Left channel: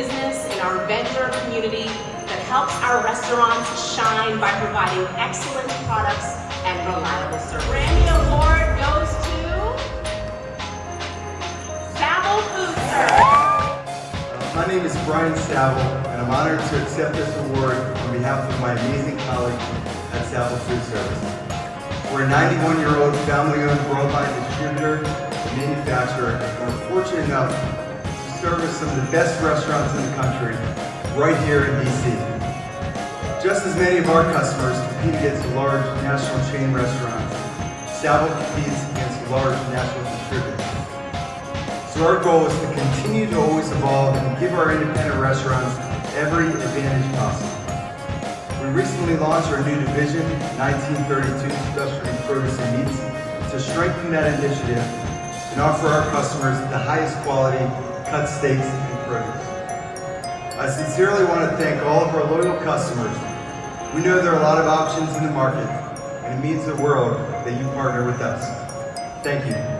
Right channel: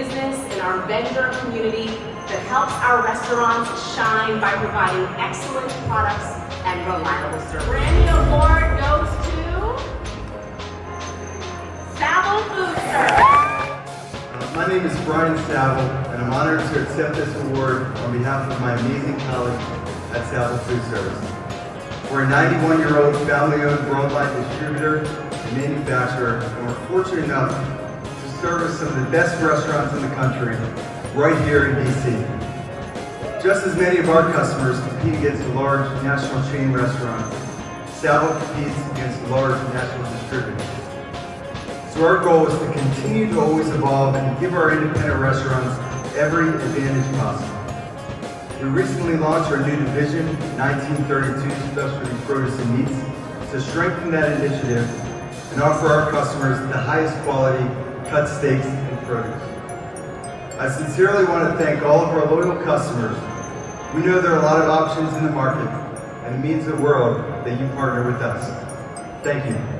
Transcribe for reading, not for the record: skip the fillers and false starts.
business and our vendor community that helps our restaurants shine by providing excellent products and reliable service. RAMMY Award goes to Saval Foodservice. My name is Brian Saval, and I'm honored to accept this award on behalf of my amazing colleagues at Saval Foodservice. We're a 91-year-old family-owned worldwide distributor and manufacturer, and we're fortunate enough to service some of the best restaurants in the country right here in D.C. Just as many of our customers compete against large national chain restaurants, Saval competes against large national distributors. So our goal is to continue to always evolve and give our independent restaurants every advantage possible. We recently launched our new division, 1932 Specialty Produce and Meats, to strengthen that initiative and offer our customers the highest quality cut steaks and produce. I sincerely want to thank all of our loyal customers. We know there are a lot of options in the market, and it means the world that you partner with us. Thank you.